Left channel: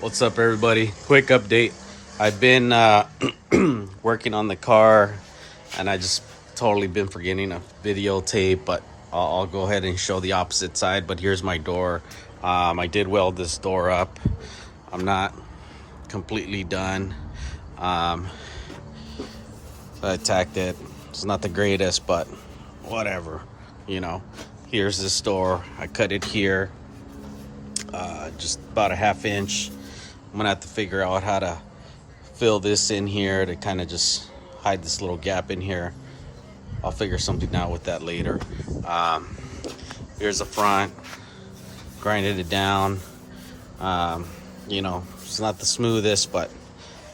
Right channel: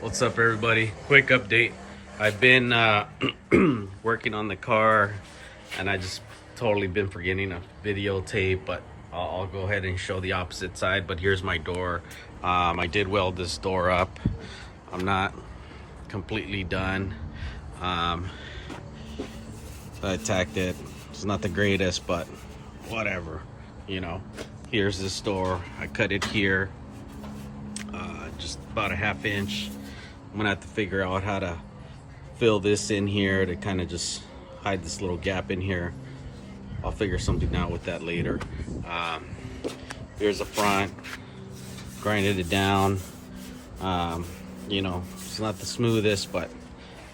What's up, everybody? Quick update. I've been working on the car, and I just totally been forgetting a videotape, but I'll go ahead and show the opposite side. But here's my door. I did weld this door up. I'm not completely done. Um, I tacked it. It's not the greatest, but whatever. You know, here's this door. I cut it here, just about a ½ inch. I'm gonna have to figure out how to fill this in here to kind of just hide this little gap in here. I'll figure something out with that later. Um, Here's the front. Grinded it down. You know, it's not the smoothest, but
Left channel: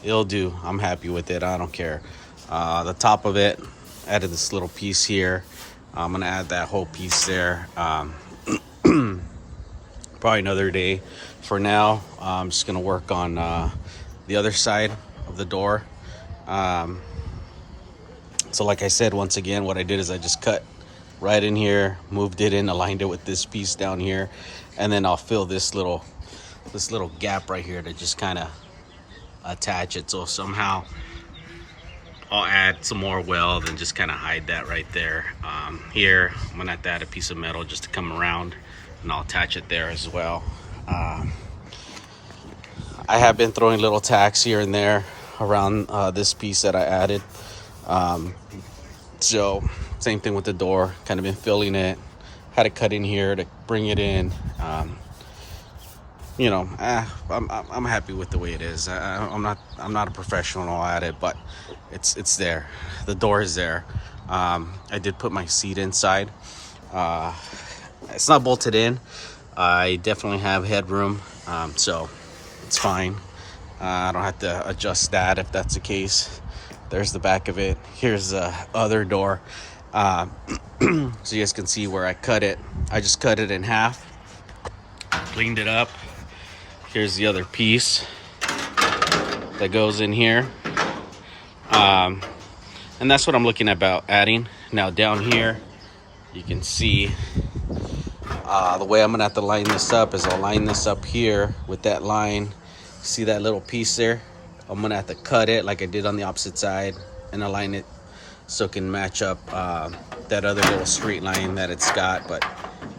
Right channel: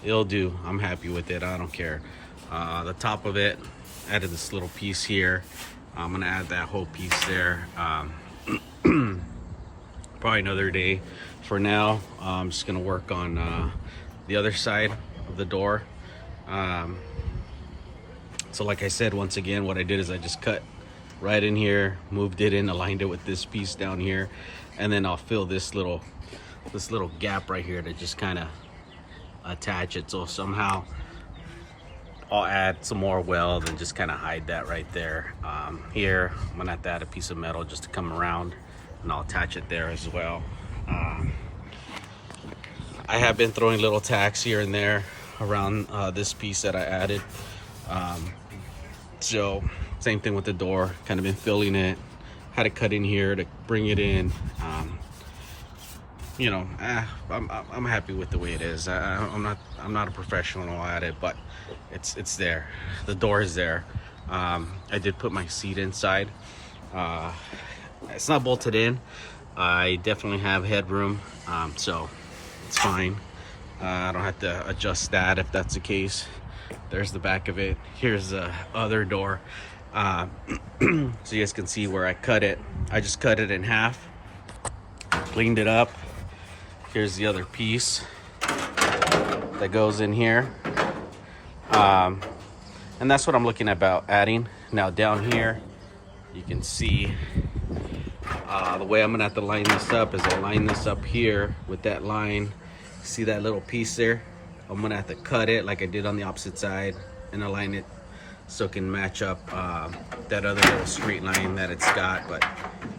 it'll do. I'm happy with it. I don't care. The top of it, added this little piece here. I'm gonna add that whole piece there. Probably another day. For now, I'm just gonna work on the other side of the door. So like I said, once again, what I did is I just cut right in here, moved it in, aligned it with this piece down here, and then I'll fill this little gap right here to just kind of attach it. So somehow I'll add some more weld and just kind of hide that right there. Here I'm gonna have to add a piece of metal just to come around, and I'll attach it there as well. I have been throwing little tacks here and there around this piece that I added. So same thing with the door, kind of been filling it, had to cut in here to bring it in. You know, I'm happy with the way it is. I'm not a professional at it, but it's there. The door is there. I did put my seat inside. It's not bolted in. I definitely have headroom, so it's fine. I don't have to adjust that if that's the case. There's the back of it. Here's the other door. So you guys can see where I cut it. I just cut it in half, cleaned it up. Here's the other piece that goes in here. And that's what I'm looking about adding. Now down here, you can see the way I'm gonna have to line this up is I'll line this up here with that line. See that little piece there? I'm gonna have to cut it like I did on the opposite side and align it so it can match up that other little straight line that it's got. But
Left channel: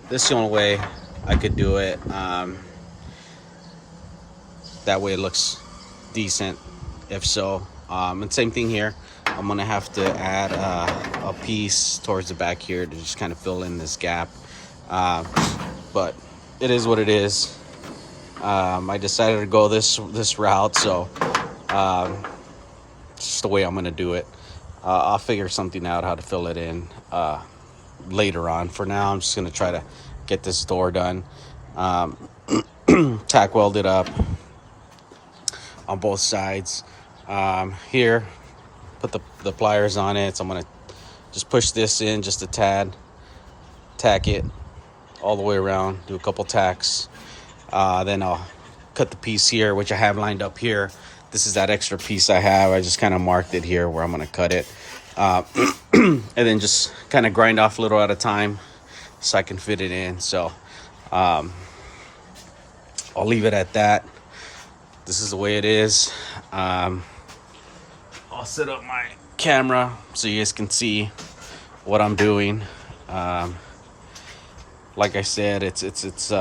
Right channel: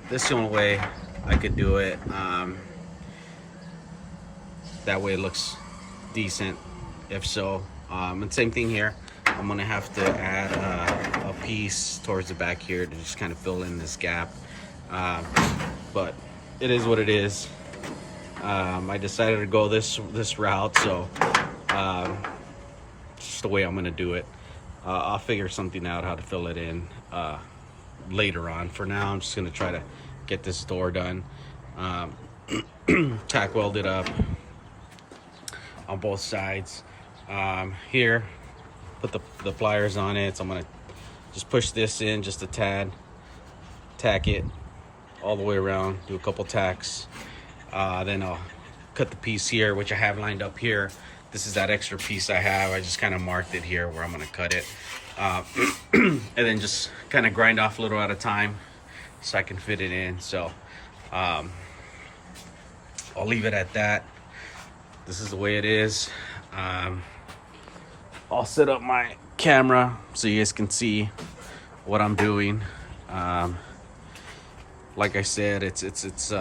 this is the only way I could do it. That way it looks decent, if so. And same thing here. I'm gonna have to add a piece towards the back here to just kind of fill in this gap. But it is what it is. I decided to go this route, so it's just the way I'm gonna do it. I'll figure something out how to fill it in later on. For now, I'm just gonna try to get this door done. Tack weld it up on both sides. Here, put the pliers on it. So I'm gonna just push this in just a tad, tack it all the way around, do a couple tacks. Then I'll cut the piece here, which I have lined up here. This is that extra piece I have. I just kind of marked it here where I'm gonna cut it. And then just kind of grind off a little at a time so I can fit it in. So I'll leave it at that. This is the way it is. I'll set up my camera so you guys can see what I'm doing. Like I said, it's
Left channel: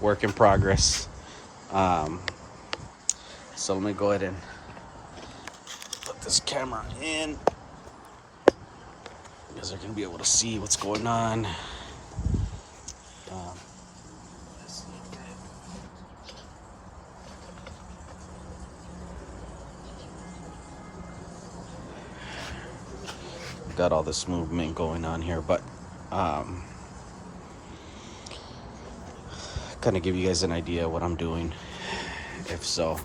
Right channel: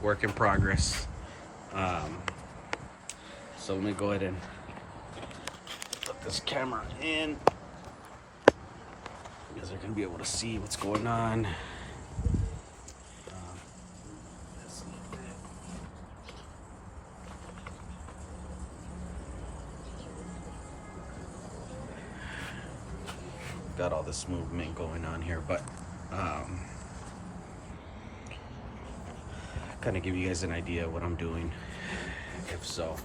work in progress. So let me go ahead and put this camera in. You guys are gonna be able to see what's going on. Got all this movement going on here, but kind of give you guys an idea of what I'm doing, if so.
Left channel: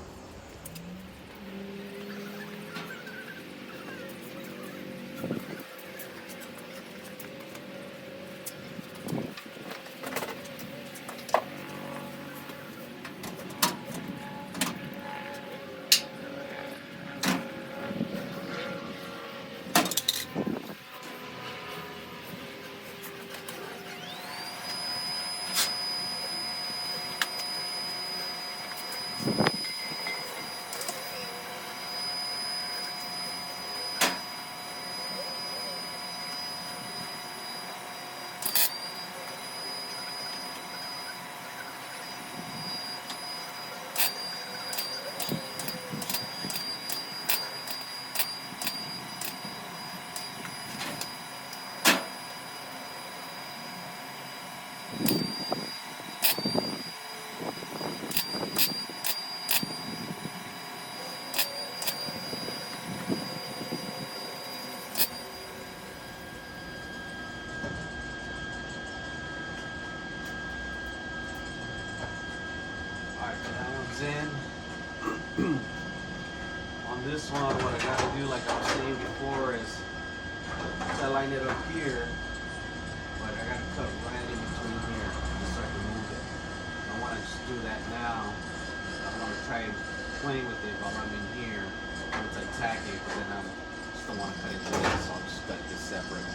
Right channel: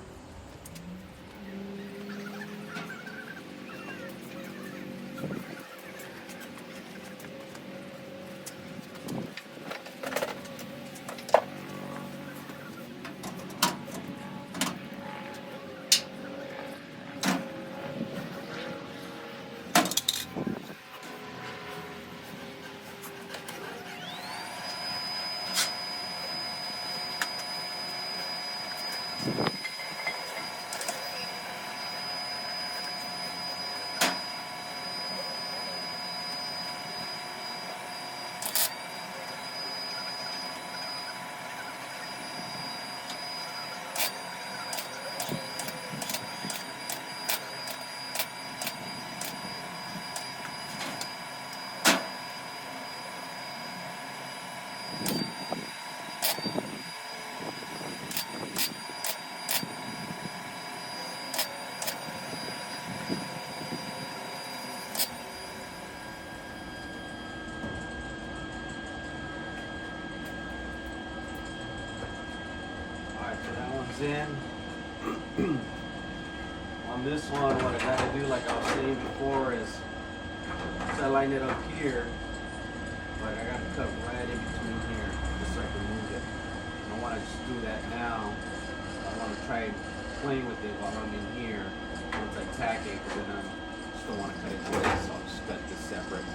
In on this one, what I gotta do, like I was saying before, is I line it up here, but I gotta cut right in between here just so I can move it. I don't want to just do that now. I want to try playing with it while I'm in here once I tack it, but then I just don't want to cut it through this, so I'll just cut this separate.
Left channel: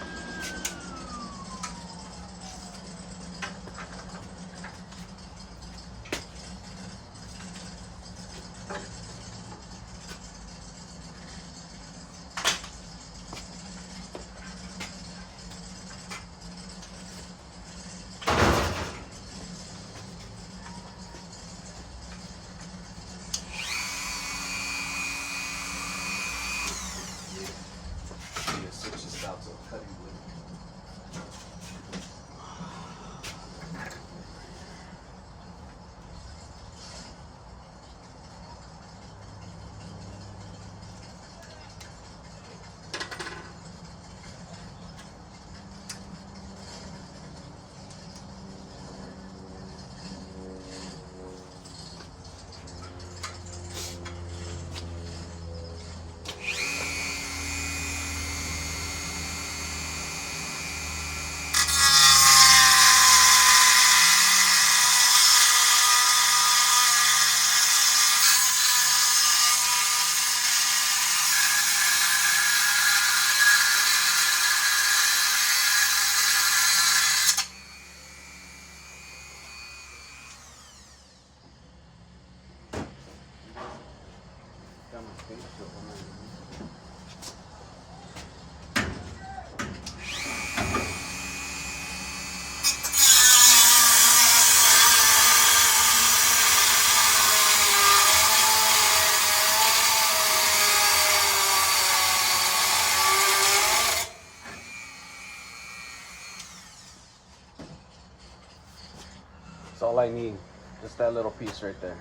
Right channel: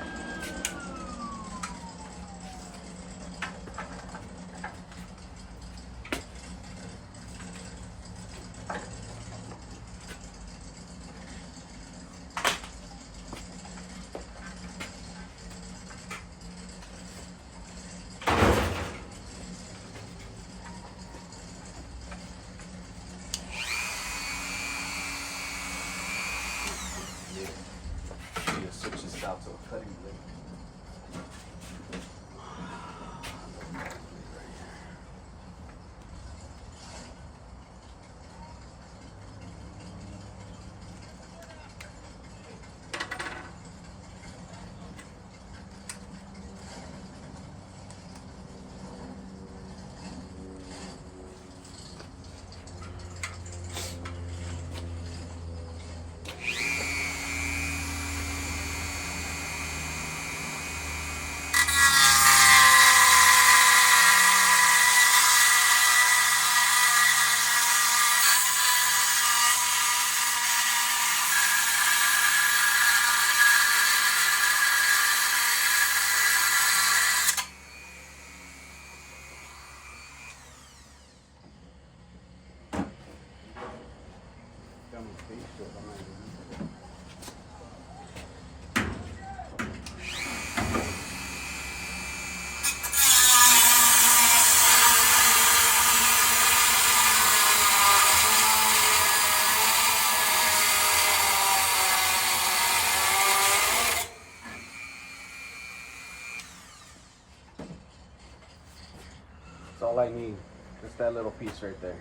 That's all I need, just that little piece right there.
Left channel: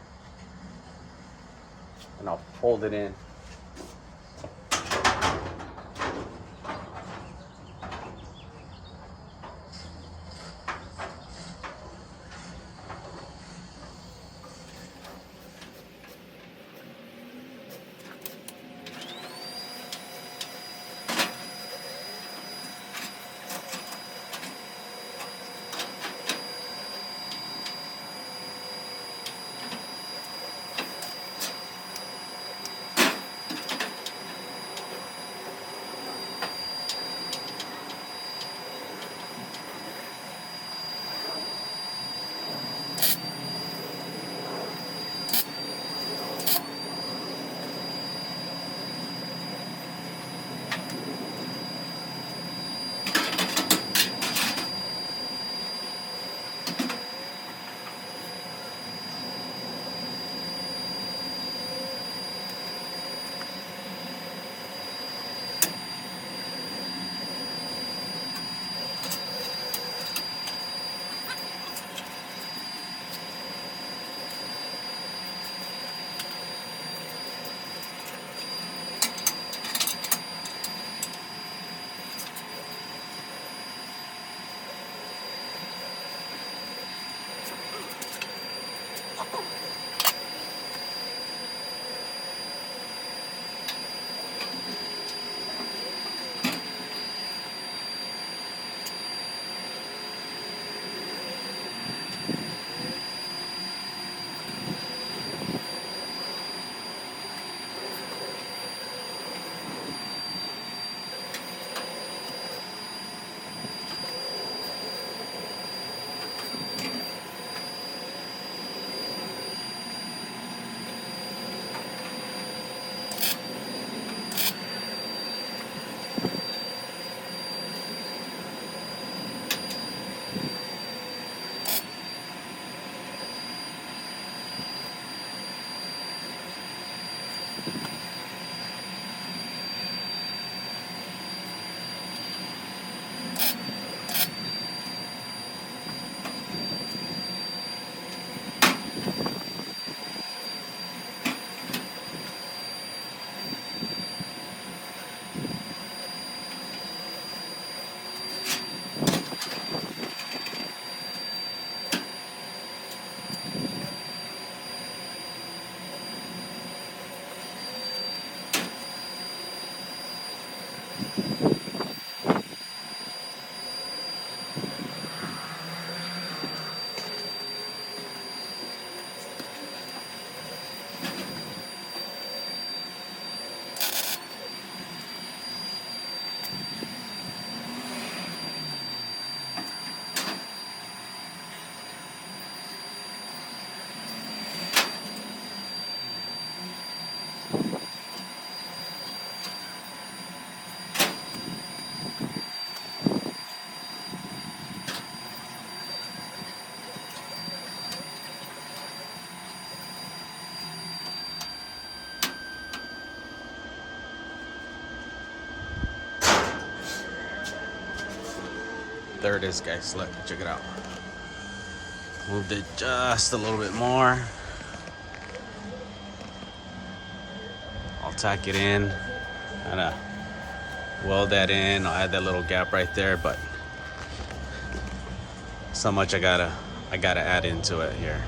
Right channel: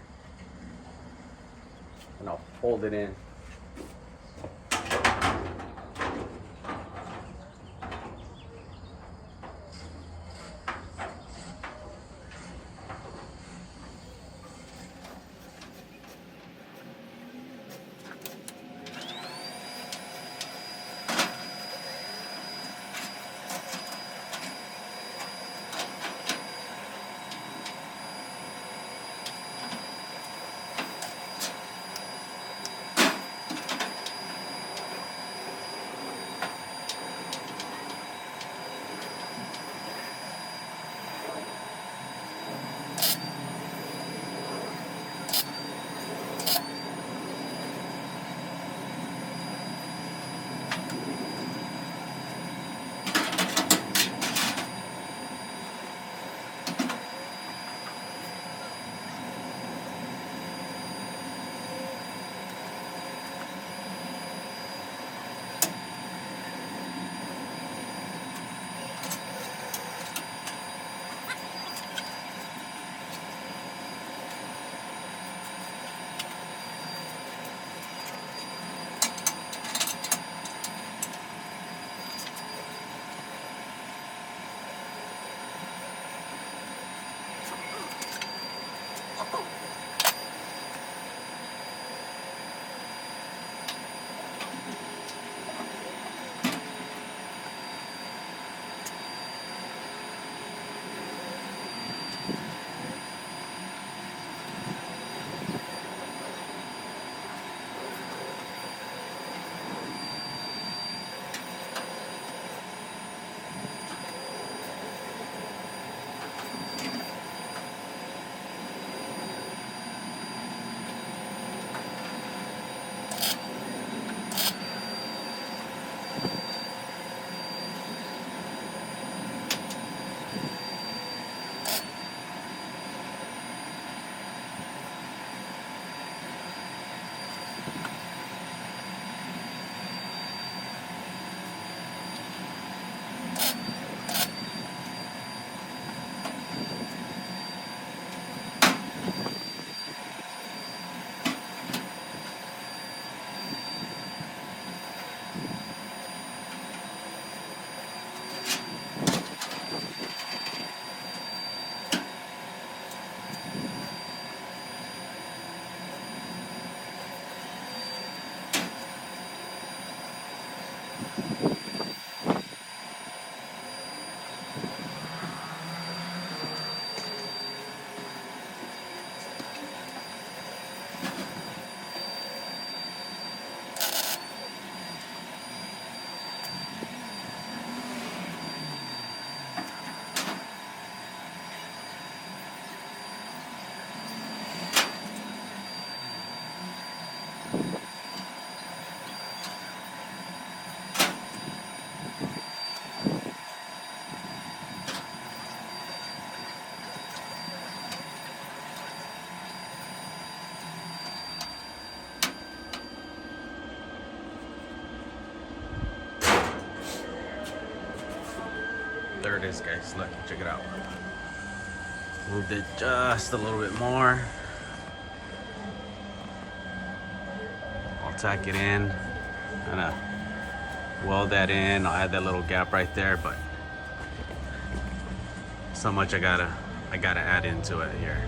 And I'll fold it in. There it is, guys. Look, check it out. Moved it just a little bit more. I'll tack it in, kind of weld that in. I'll add that little gap right there, but so much I gotta add into it here.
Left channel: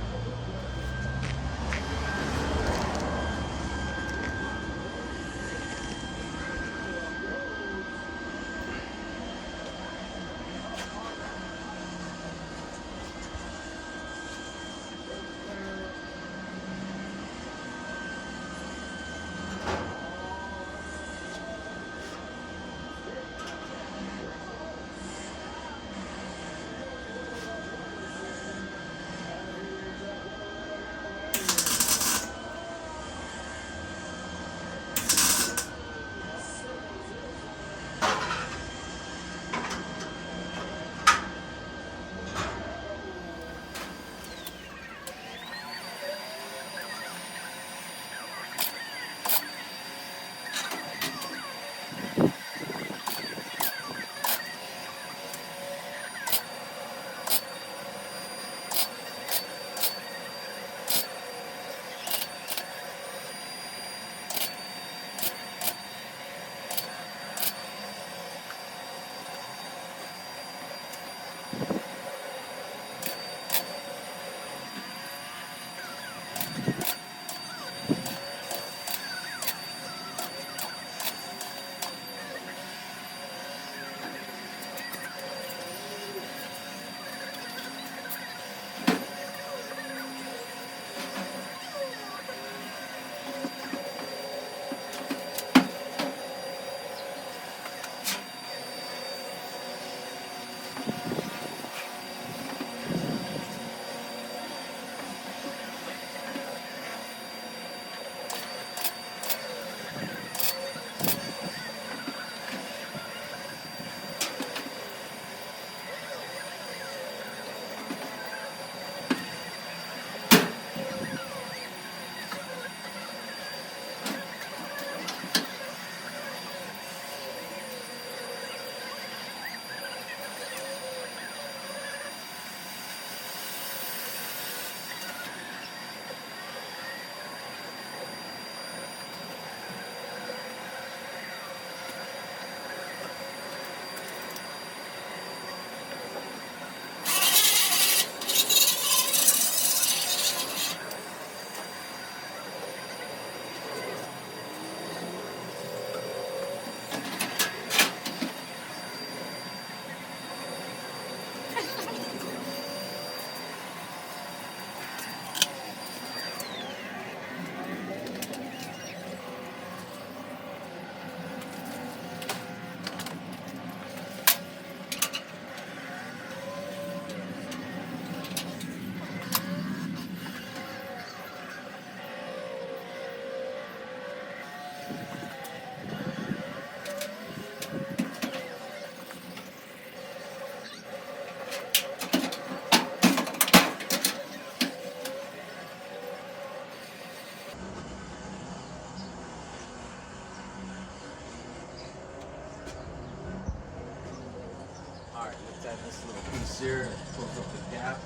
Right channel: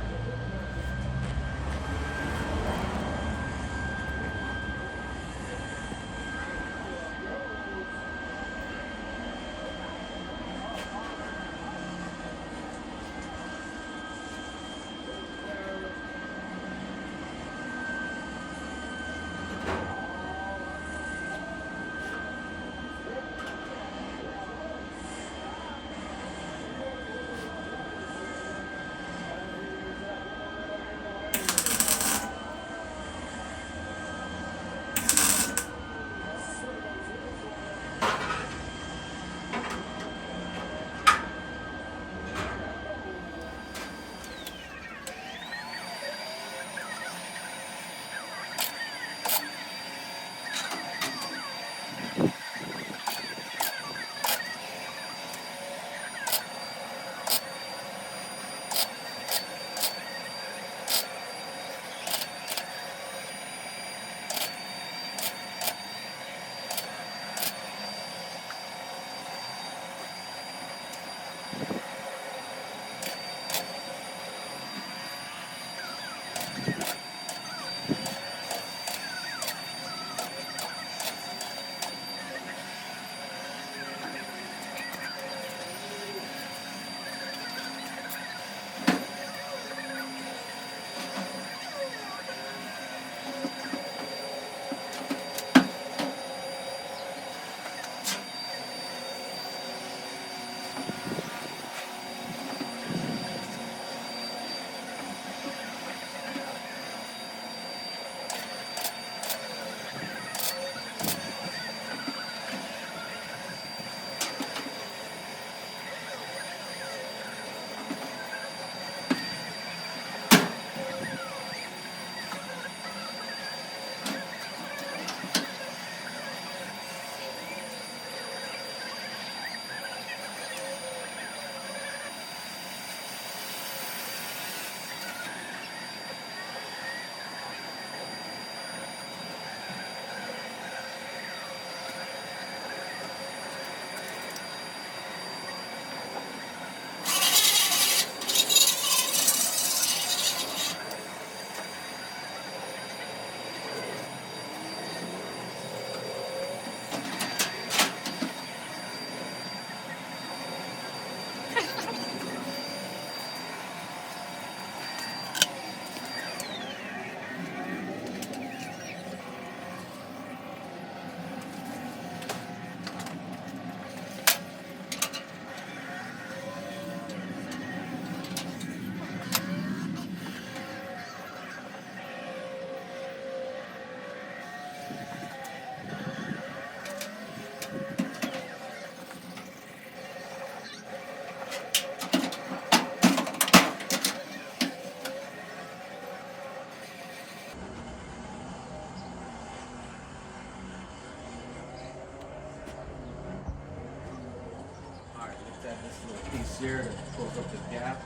This little piece here that pulls up the gap.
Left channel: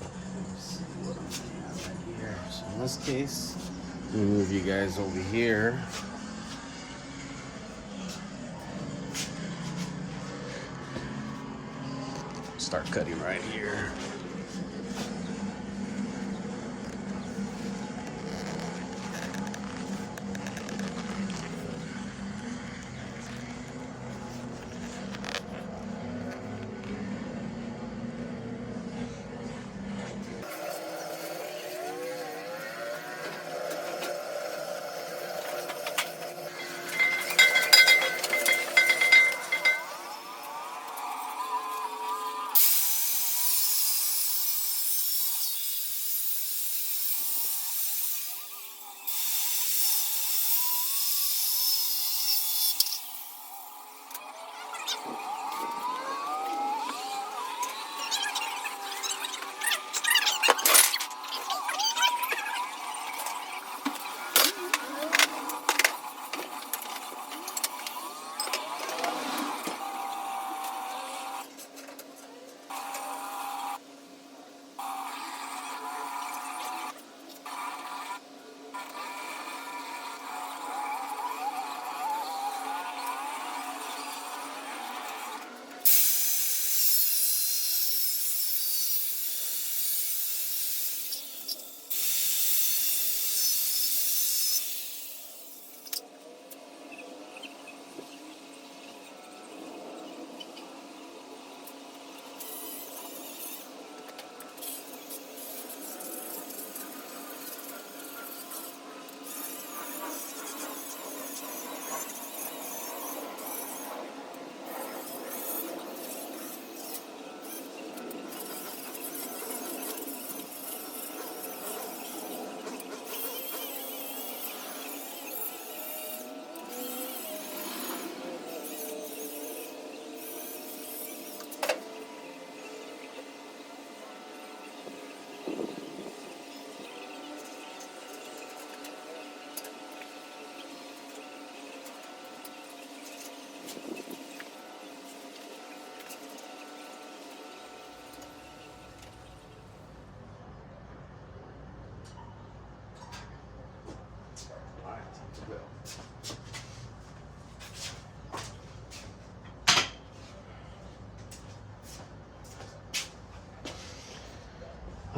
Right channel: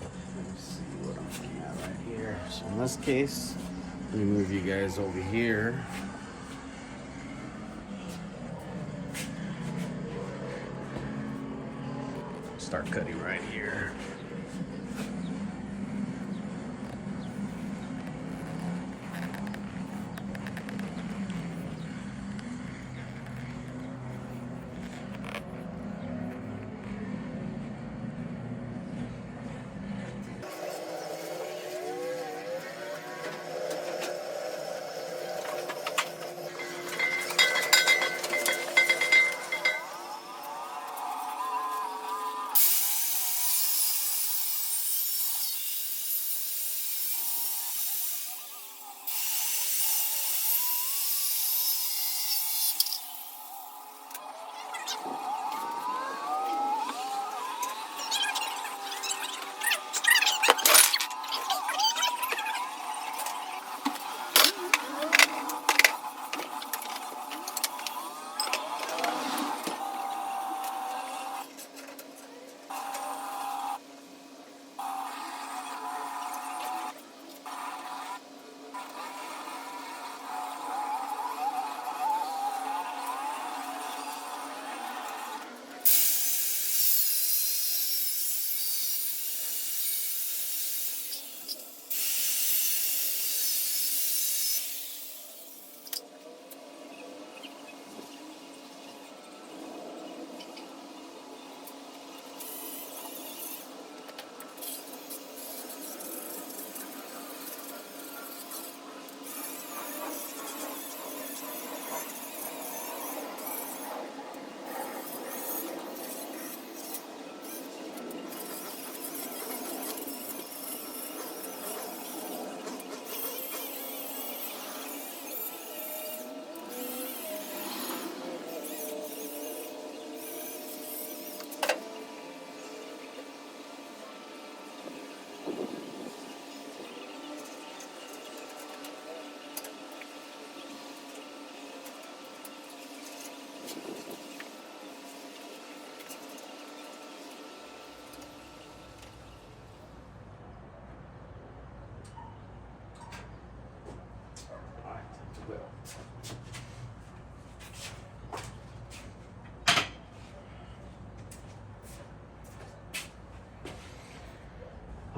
Let me see what I'm looking at right here. So in this case, let me move you guys over here. Start cutting right here.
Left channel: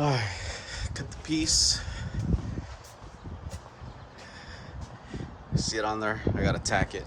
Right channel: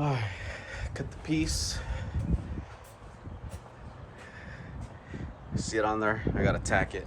Cut the piece. See it on there? I gotta tack it.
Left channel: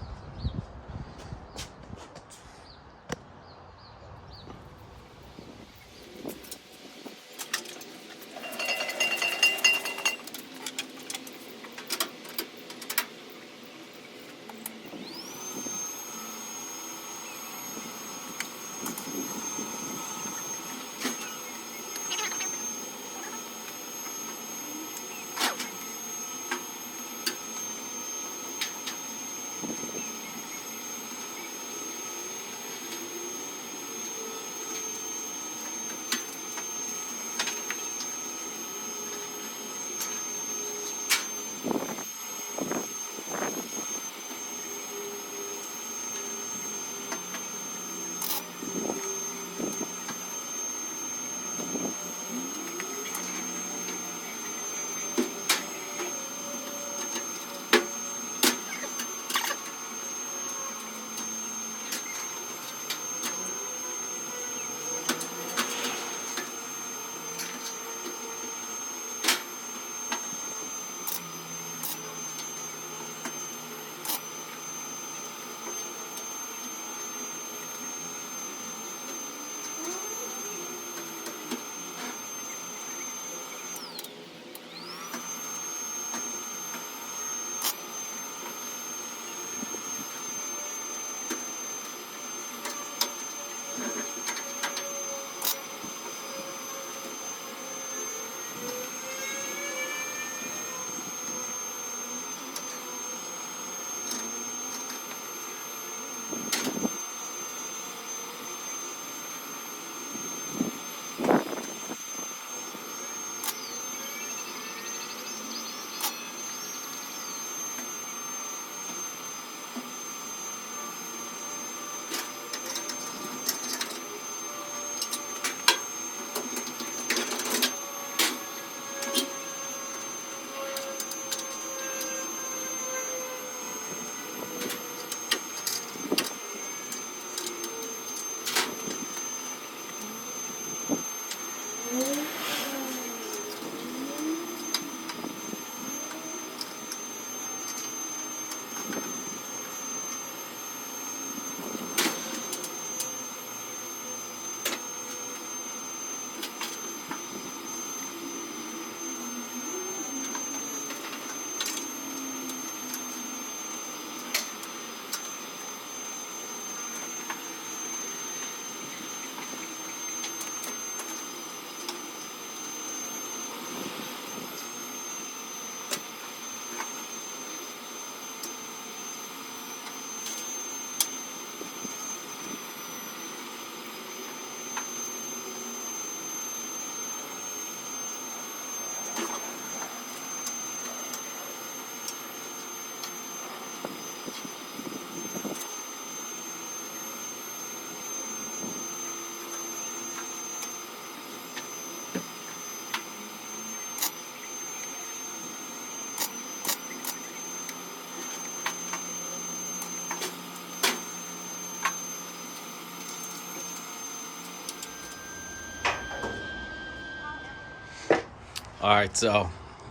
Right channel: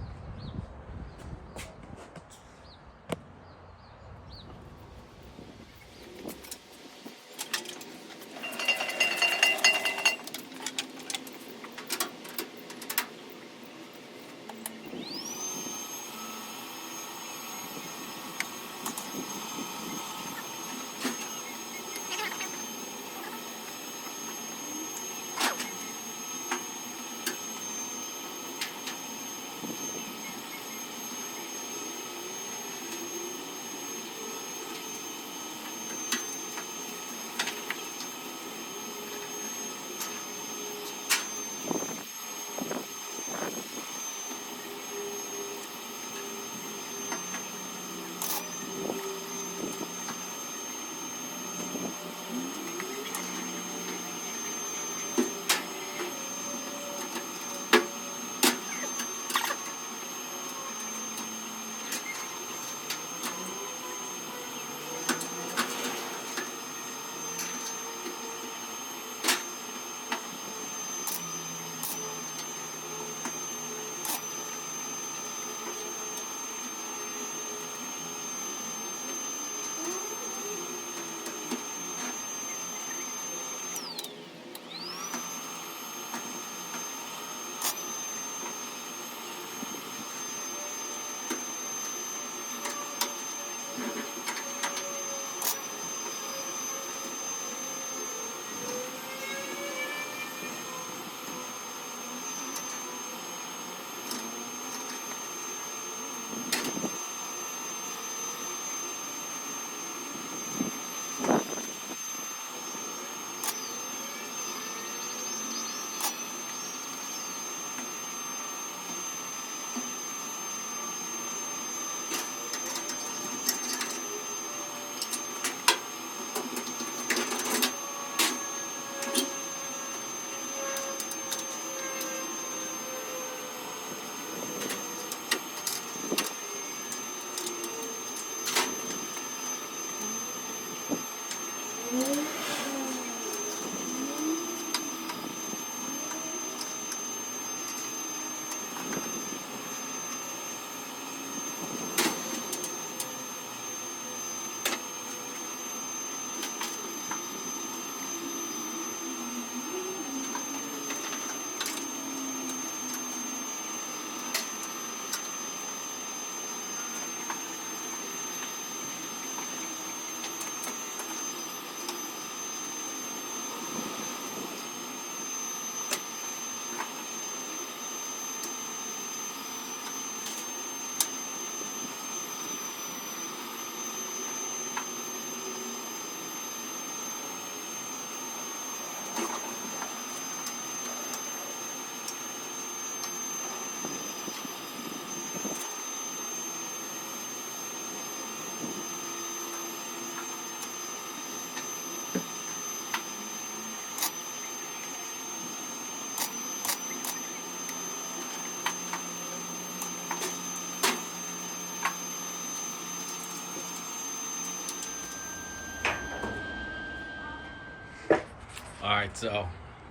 All right, so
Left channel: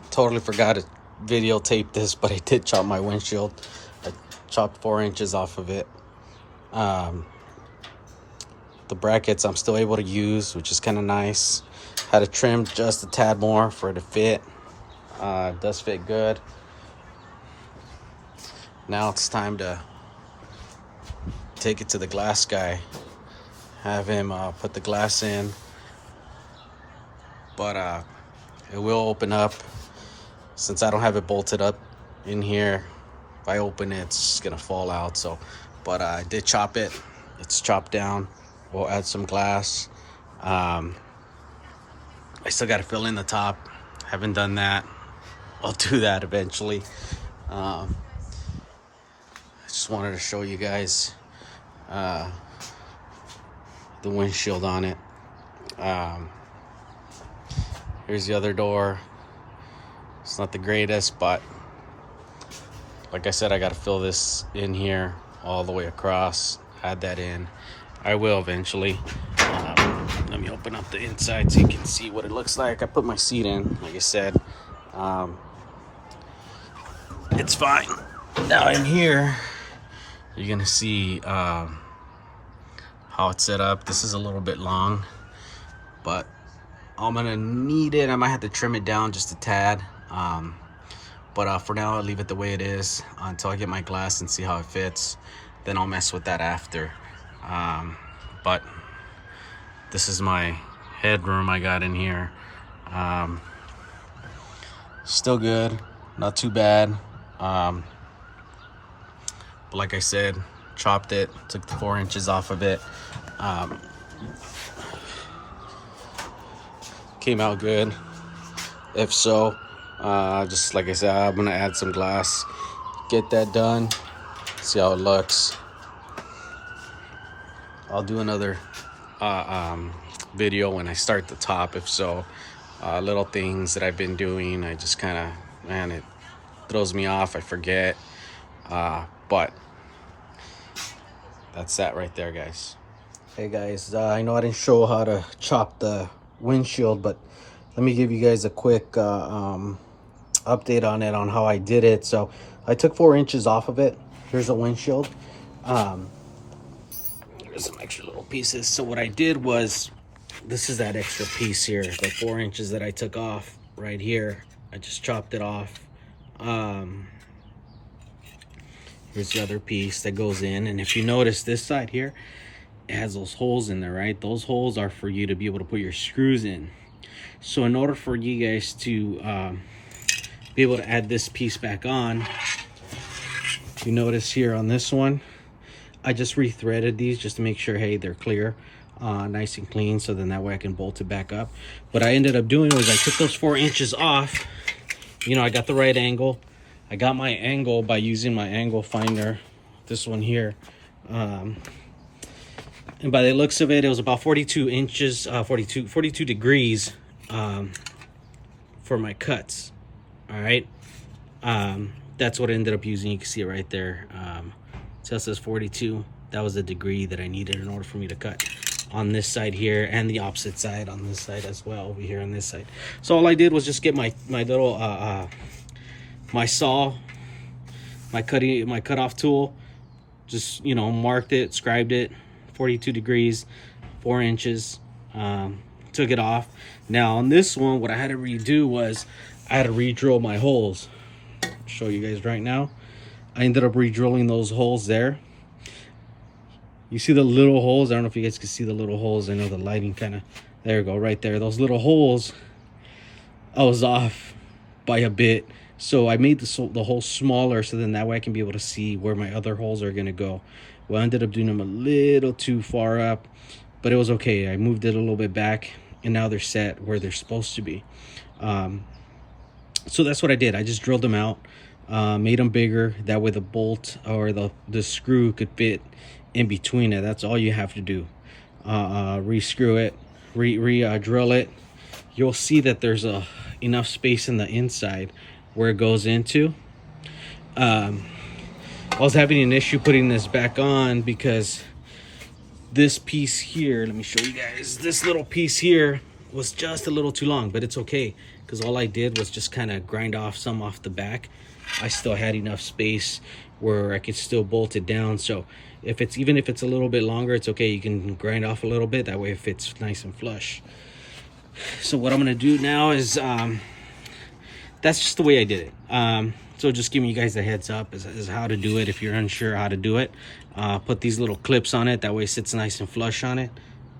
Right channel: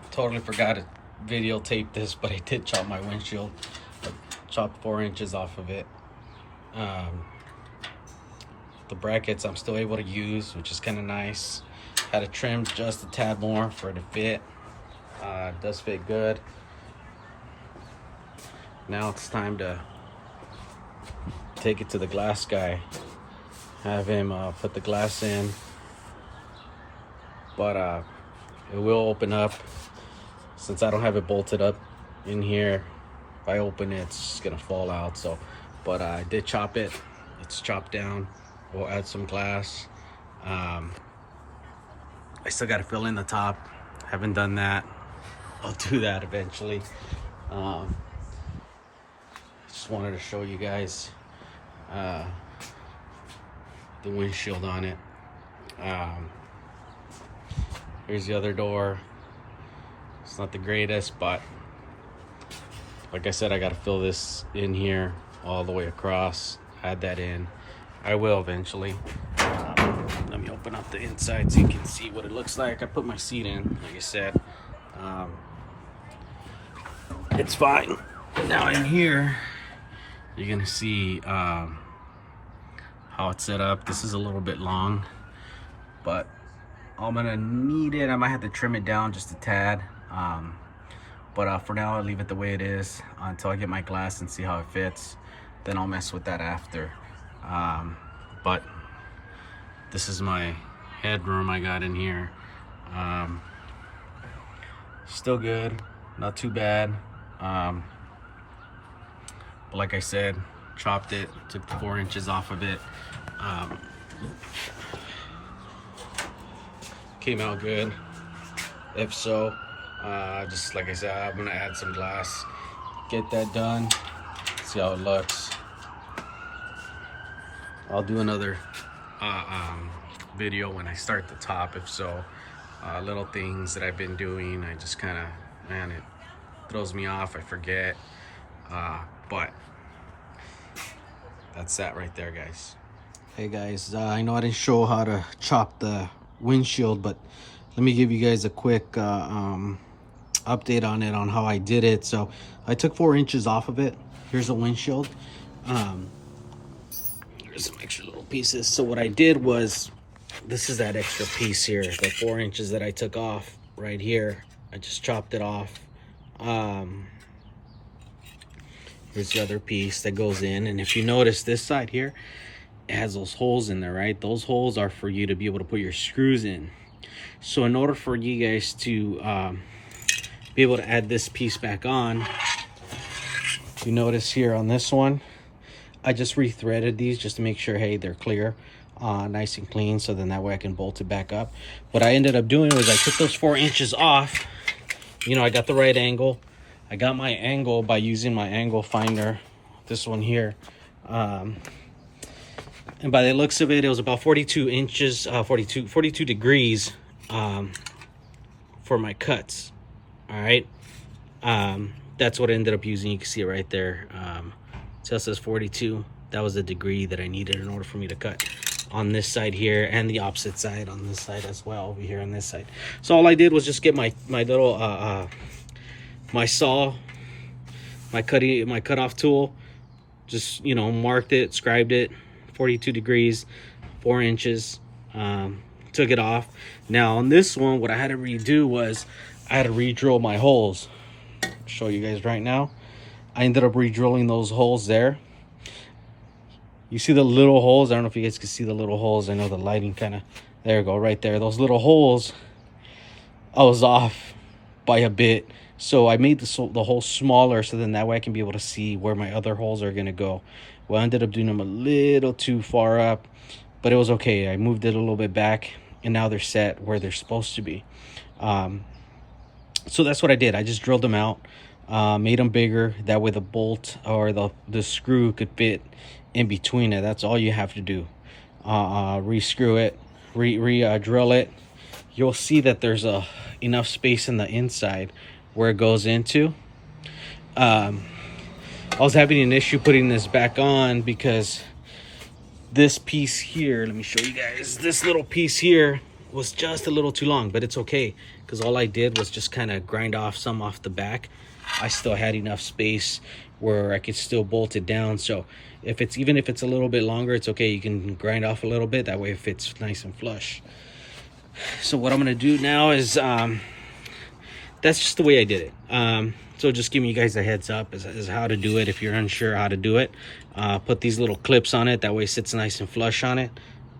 totally forgot to videotape this, but I did chop my windshield. I chopped 4 inches off of it. The brackets I'm still able to use, which is kind of nice. Had to trim just a tad more for it to fit. It does fit good. Now it's time to take it to the glass guy. Have him put the glass in. But it will open up. Since I don't have it bolted up in here, if I open it, it's just gonna fall out. So, but I did chop it. It's chopped down. We'll add some glass. I still got to fill in the top. Haven't done that. I'll do that eventually. Just wanted to show you guys the windshield on it. Here's the other door. It's not the greatest, but like I said, I got to fill this in here all the way across. Add that in. I will eventually. Let me open up the inside so you can see what it looks like. I put my seat in, like I said. It's fine. Now in here, you're gonna see how it's set up. This is a little bit long, but I'm gonna need it. I might have to trim it down just a tad. But for now, I'll leave it the way it is until I get my glass and see how it fits. Then I'll mess with that after. But this is my headroom I got in here. Still good, not too bad. But like I said, chopped it, took the 4 inches off of it. Came out good. If so, just like I said, I'm gonna add some glass, get that done, see how it looks. I'll do another video when I start the top. If so, little things that I've been doing, I just kind of, man, it throws me off, I forget. But that's that right there, guys. Hey guys, I know I didn't show how to chop the windshield, but let me give you guys a quick update on it, on how I did it. So I took 4 inches off of it. Here's the windshield. There's some extra little pieces. So what I did was, this is that extra piece here, the 4 inches that I took off right here. I just chopped it off. Here's the other piece that goes in, and if you notice this side here, it has those holes in there, right? Those holes are for you to be able to put your screws in. So in order for you guys to be able to add this piece back on, you notice here on this one, I just rethreaded these just to make sure, hey, they're clear, nice and clean, so then that way I can bolt it back up. What I ended up doing was I took those 4 inches off. You know, I got the right angle. I got my angle by using my angle finder, this one here. And by the looks of it, it was about 42 inches, 42 degrees for my cuts. All right. That's what I ended up using. You can see it right there. So it says 42. That was the degree that I needed in order for me to cut on this side here, and the opposite side on this side as well, over here on this side. So all I did was just get my little my saw, my cutoff tool, just, you know, marked it, scribed it, 42 degrees, 4 inches, took it off. Now on this one, what I had to redo was I had to re-drill my holes. I'll show you guys right now. I ended up re-drilling those holes there. You see the little holes? I don't know if you guys can see the little holes. I know the lighting kind of, there you go, right there. Those little holes, I was off by a bit. So I made the hole smaller, so then that way I can be able to see where my other holes are going to go. Well, I ended up doing them a little too far up, but it was okay. I moved it a little bit back, and now they're set where they're supposed to be. So that's what I did. I just drilled them out, made them bigger. That way the bolt or the screw could fit in between it. That's all you have to do. Re-screw it, drill it. You'll see that there's enough space in the inside where it goes into. I was having an issue putting this back on because this piece here, let me show you guys, this little piece here was just a little too long, but it's okay because all I did was just kind of grind off some off the back. I still had enough space where I could still bolt it down. So even if it's a little bit longer, it's okay. You can grind off a little bit, that way it fits nice and flush. So what I'm gonna do now is that's just the way I did it. So just giving you guys a heads up is how to do it if you're unsure how to do it. Put these little clips on it, that way it sits nice and flush on it.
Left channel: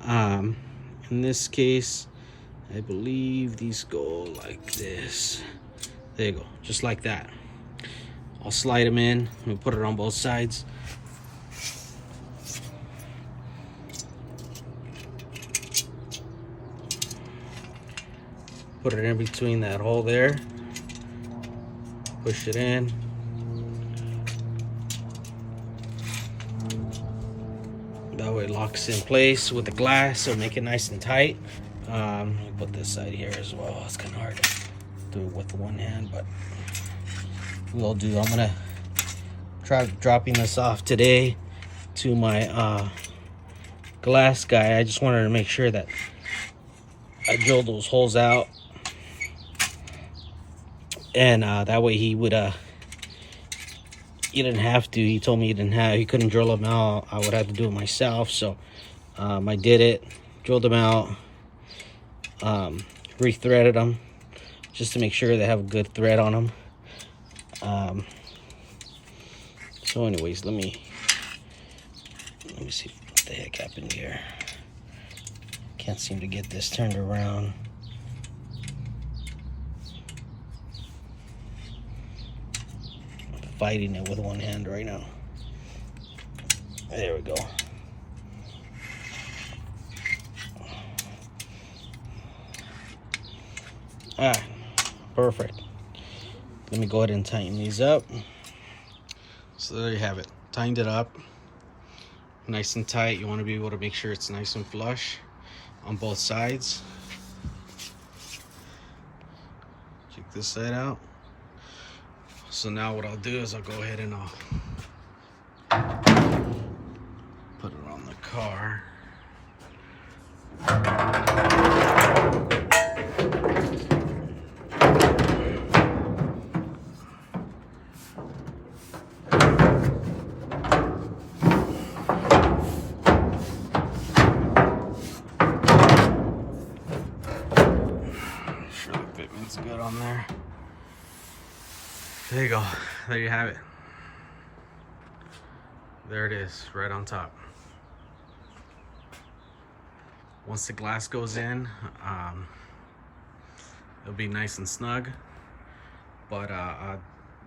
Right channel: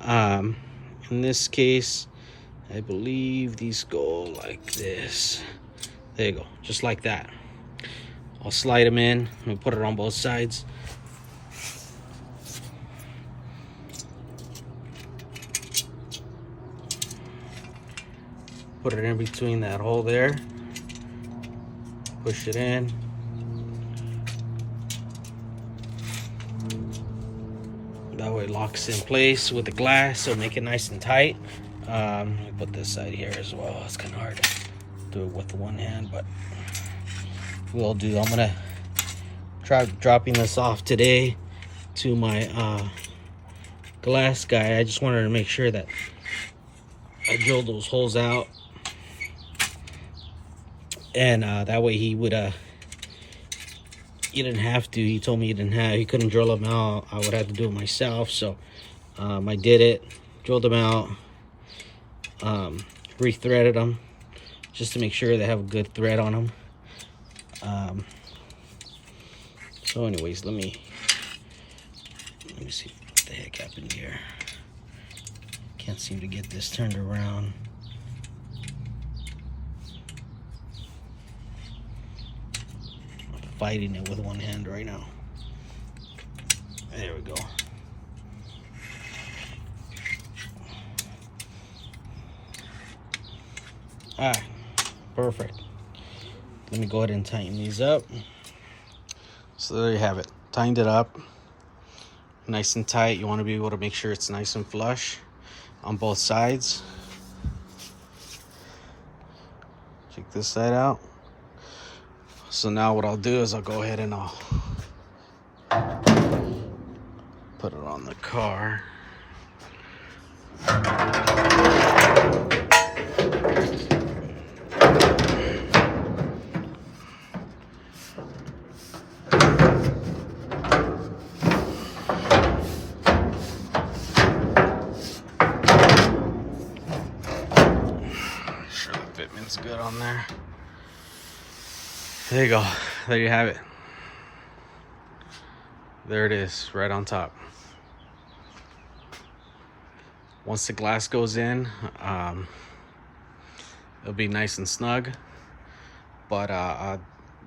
In this case, I believe these go like this. There you go, just like that. I'll slide them in and put it on both sides. Put it in between that hole there. Push it in. That way it locks in place with the glass, so make it nice and tight. Let me put this side here as well. It's kind of hard to do it with one hand, but we'll do. I'm gonna try dropping this off today to my glass guy. I just wanted to make sure that I drilled those holes out, and that way he didn't have to. He told me he couldn't drill them out. I would have to do it myself. So I did it, drilled them out, rethreaded them just to make sure they have a good thread on them. So anyways, let me see what the heck happened here. Can't seem to get this turned around. I'm fighting it with one hand right now. There we go. Alright, perfect. Let me go ahead and tighten these up. So there you have it. Tightened it up. Nice and tight. You want to be able to make sure it's nice and flush on both sides. Check this side out. So now what I'll do is I'll go ahead and I'll put it on the car. Sure the fitment's good on there. There you go. There you have it. There it is, right on top. Once the glass goes in, it'll be nice and snug. But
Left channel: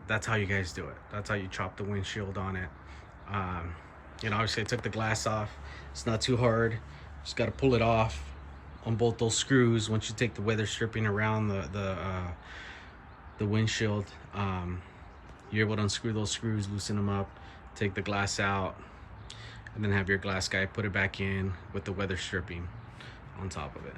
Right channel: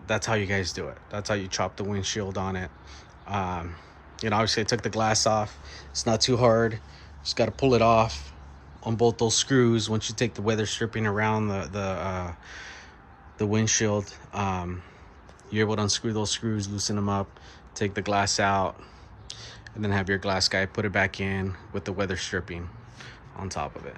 that's how you guys do it. That's how you chop the windshield on it. You know, obviously I took the glass off. It's not too hard. Just got to pull it off on both those screws. Once you take the weather stripping around the windshield, you're able to unscrew those screws, loosen them up, take the glass out, and then have your glass guy put it back in with the weather stripping on top of it.